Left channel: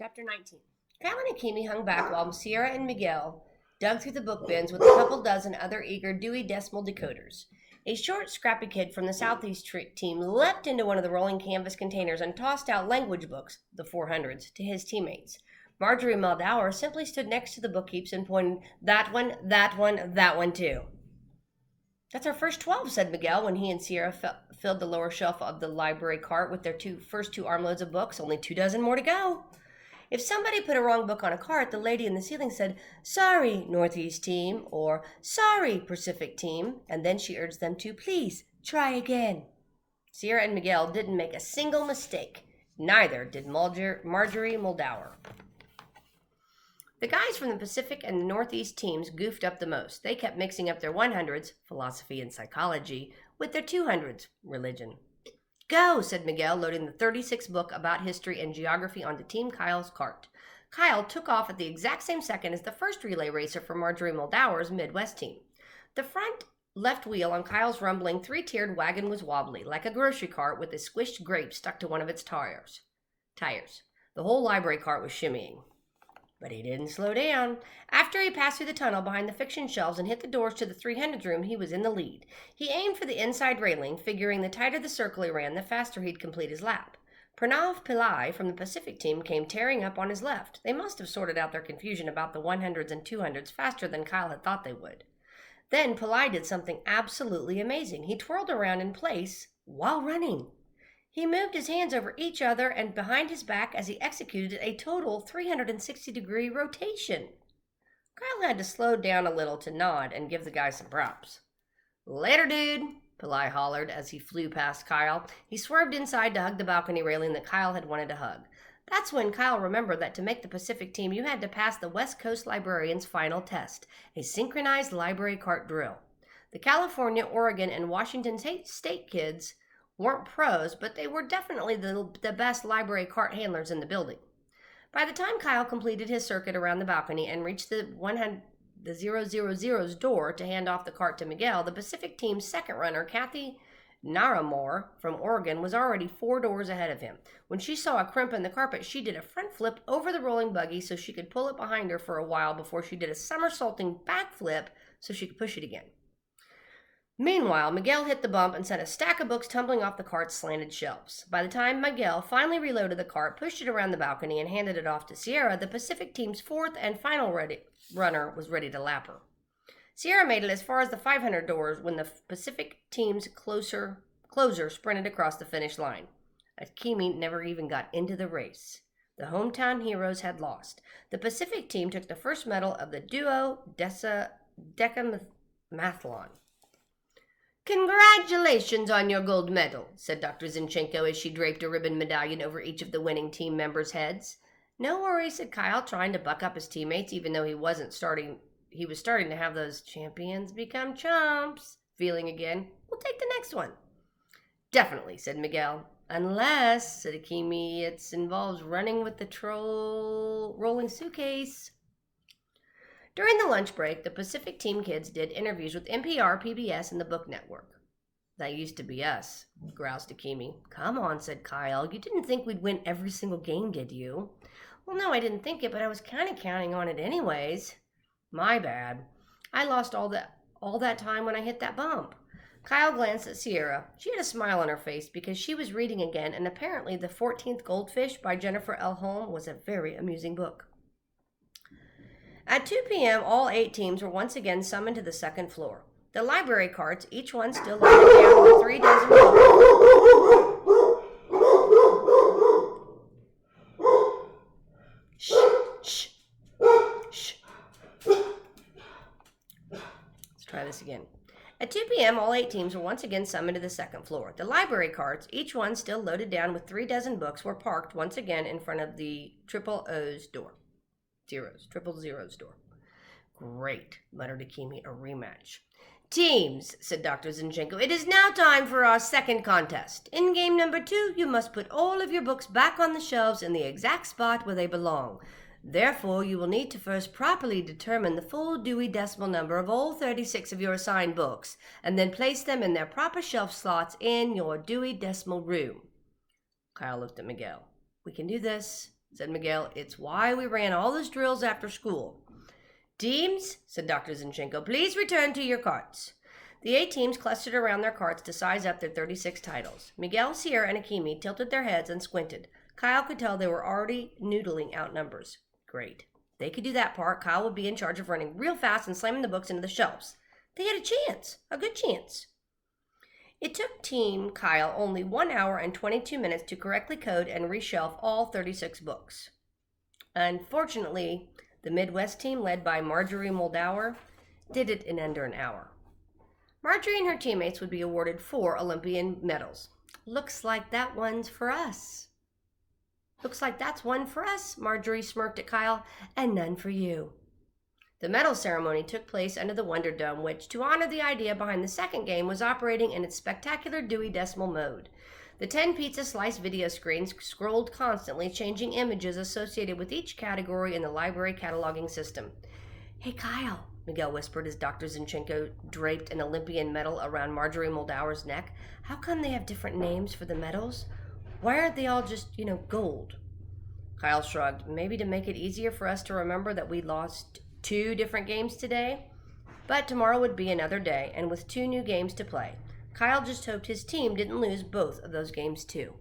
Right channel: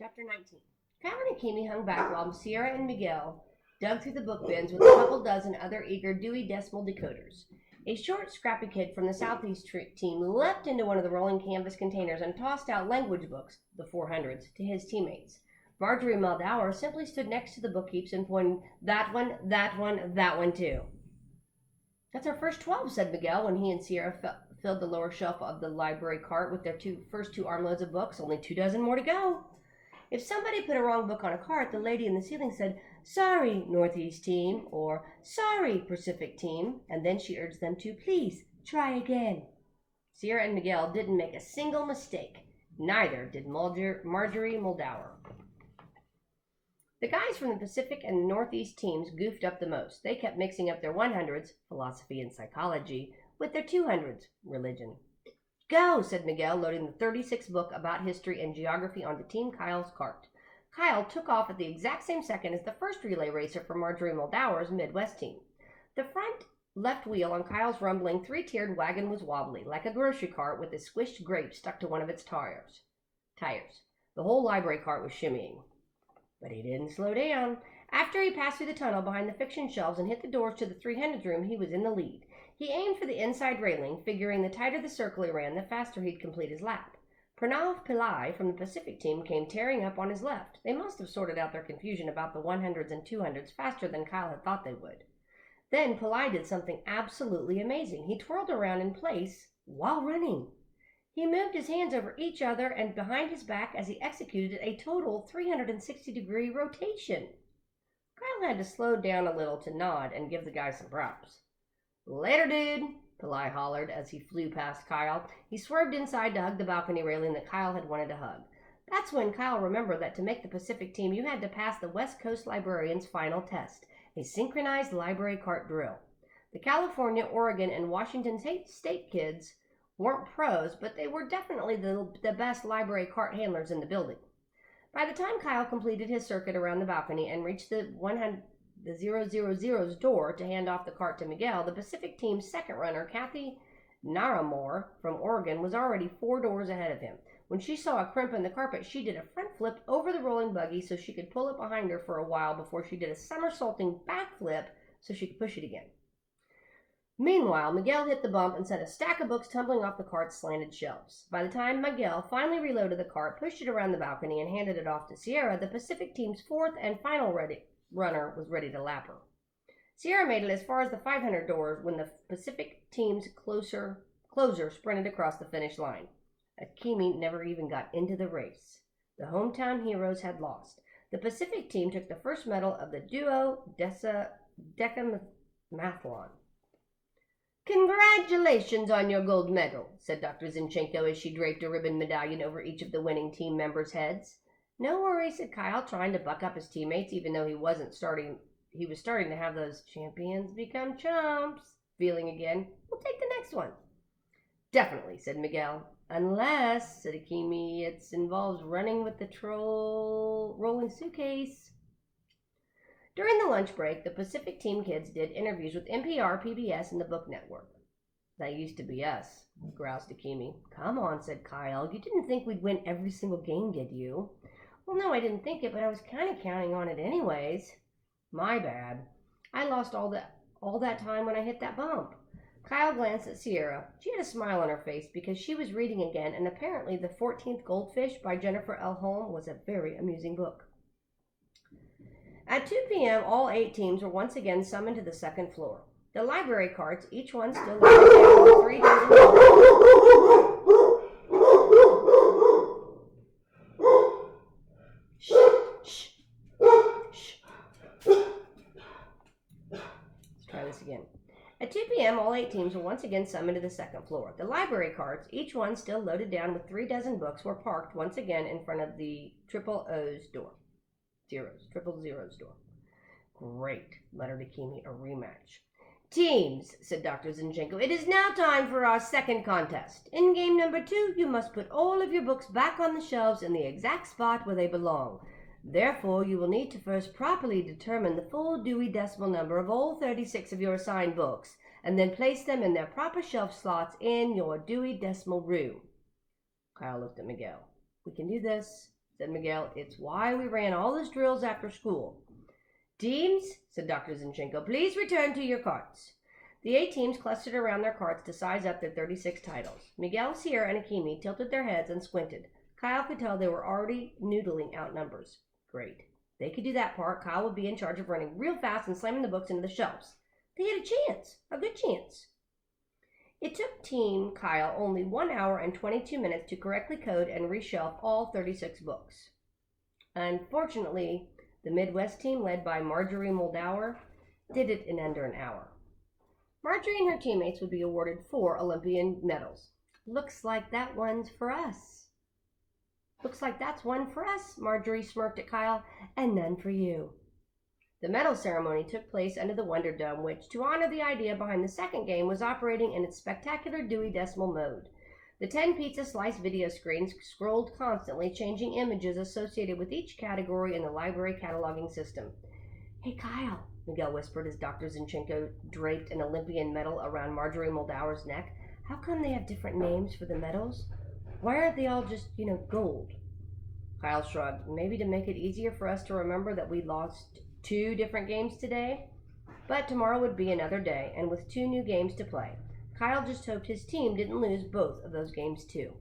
Chapter 19. Kyle and Akimi hung back while Sierra and Miguel dug through the book bins with a couple dozen other eager Dewey Decimal decoders. A short, scrappy kid from the Southeast team leapt into one of the rolling canvas containers and tossed out language books, the 400s, to his teammates. Marjorie Muldower simply stood next to the book heaps and pointed, that one, that one, that one too. That's our first 12, said Miguel when he and Sierra filled the lower shelf of the library cart with their first two armloads of books. Only 2 dozen more to go. If somebody put a wrong book on a cart, the lady in the ceiling said, "Sorry, Northeast team," or "Sorry, Pacific team," and then she urged them to please try again. Sierra and Miguel didn't make a single mistake. Neither did Marjorie Muldower. The guys from the Pacific and Northeast teams goofed up the most. They kept mixing up their 100s, philosophy and psychology, with their 200s, religion. "Go," said Miguel, loading the 36th book about history and geography onto Team Kyle's cart. Kyle took off at the exact same second as the first relay racer for Marjorie Muldower's Midwest team. The front left wheel on Kyle's rumbling 3-tiered wagon was wobbly, like a grocery cart with a squished grape stuck to one of its tires. The whole library cart was shimmying. But he didn't slow down. After he passed through the tunnel behind the fiction shelves and hit the doors to the 300s room, he was in the lead. He aimed for the inside railing, figuring the tighter the circle he ran, the faster he'd complete his lap. Pranav Pillai from the Pacific team came tearing up on his left. They must have sorted out their confusion about the 100s and 200s faster than Kyle had thought they would. Then Pillai did something absolutely amazing. He twirled around in place while running. He moved his hands over each other and behind his back as he executed a total 360-degree rotation. Kyle had to slow down a little to nod and give the guy some props. "Later, dude," Pillai hollered as he flew past Kyle. He swerved inside to hug the balcony railing that Kyle had wanted to hug. That's when Kyle remembered that to make the Pacific team, you had to pass the West Coast librarian's final test, a synchronized library cart drill. The California, Oregon, and Washington State kids weren't pros, but they were definitely the best library cart handlers in the building. By the time Kyle completed his circuit around the balcony and reached the 000's door to hand off the cart to Miguel, the Pacific team's second runner, Kathy Naramore from Oregon, was already 4 doors ahead of him. When she saw a crimp in the carpet, she did a front flip over the rolling buggy so she could pull it behind her for a while before she did a somersaulting backflip so she could push it again. Meanwhile, Miguel hit the bump and sent a stack of books tumbling off the cart's slanted shelves. By the time Miguel finally reloaded the cart, pushed it around the balcony, and handed it off to Sierra, the Pacific team's fourth and final runner was ready to lap her. Sierra made it as far as the 500 doors when the Pacific team's closer sprinted across the finish line. Akimi never even got into the race. The hometown heroes had lost. The Pacific team took the first medal of the duo decamathlon. "Congratulations on your gold medal," said Dr. Zinchenko as she draped a ribbon medallion over each of the winning team members' heads. "No worries," said Kyle, trying to buck up his teammates, even though he was starting to have those champions become chumps feeling again. "We'll take the next one." "Definitely," said Miguel. "Unless," said Akimi, "it involves running with the rolling suitcase." During the lunch break, the Pacific team kids did interviews with NPR, PBS, and the Book Network. "That used to be us," groused Akimi. "Come on," said Kyle. "You didn't think we'd win every single game, did you?" "Well, no, I didn't think it, but I was kind of counting on it anyways." "My bad. I lost all that time when I hit that bump." Kyle glanced at Sierra. She had a smile on her face because she was reading again, and apparently The 14th Goldfish by Jennifer L. Holm was a very amusing book. At 2 p.m., all 8 teams were once again summoned to the second floor. The library carts, each one still loaded down with 3 dozen books. Shh. Let's try this again. At 2 p.m., all 8 teams were once again summoned to the second floor. The library carts, each one still loaded down with 3 dozen books, were parked once again in front of the triple O's door. Triple zeros door. "Great," muttered Akimi, "a rematch." "Teams," said Dr. Zinchenko, "it is now time for our second contest. In game number 2, you must put all of your books back on the shelves in the exact spot where they belong. Therefore, you will need to first properly determine the full Dewey Decimal number of all 36 of your assigned books, and then place them in their proper shelf slots in your Dewey Decimal room." Kyle looked at Miguel. "We can do this," said Miguel. It's why we ran all those drills after school. Teams, said Dr. Zinchenko, please return to your carts. The 8 teams clustered around their carts to size up their 36 titles. Miguel, Sierra, and Akimi tilted their heads and squinted. Kyle could tell they were already noodling out numbers. Great. They could do that part. Kyle would be in charge of running real fast and slamming the books into the shelves. They had a chance, a good chance. It took Team Kyle only 1 hour and 22 minutes to correctly code and reshelf all 36 books. Unfortunately, the Midwest team, led by Marjorie Moldauer, did it in under an hour. Marjorie and her teammates would be awarded 4 Olympian medals. Looks like that one's for us. Looks like that's one for us, Marjorie smirked at Kyle, and none for you. The medal ceremony took place under the Wonder Dome, which, to honor the idea behind the second game, was operating in its spectacular Dewey Decimal mode. The 10 pizza slice video screens scrolled constantly, changing images associated with each category in the library cataloging system. Hey, Kyle, Miguel whispered as Dr. Zinchenko draped an Olympian medal around Marjorie Moldauer's neck. How come they have different names for the medals? Why aren't they all just, gold? Kyle shrugged. Maybe to make it easier for us to remember that we lost 2 different games today? But tomorrow would be another day, and with 2 new games to play. Kyle just hoped his team didn't lose both of those games too.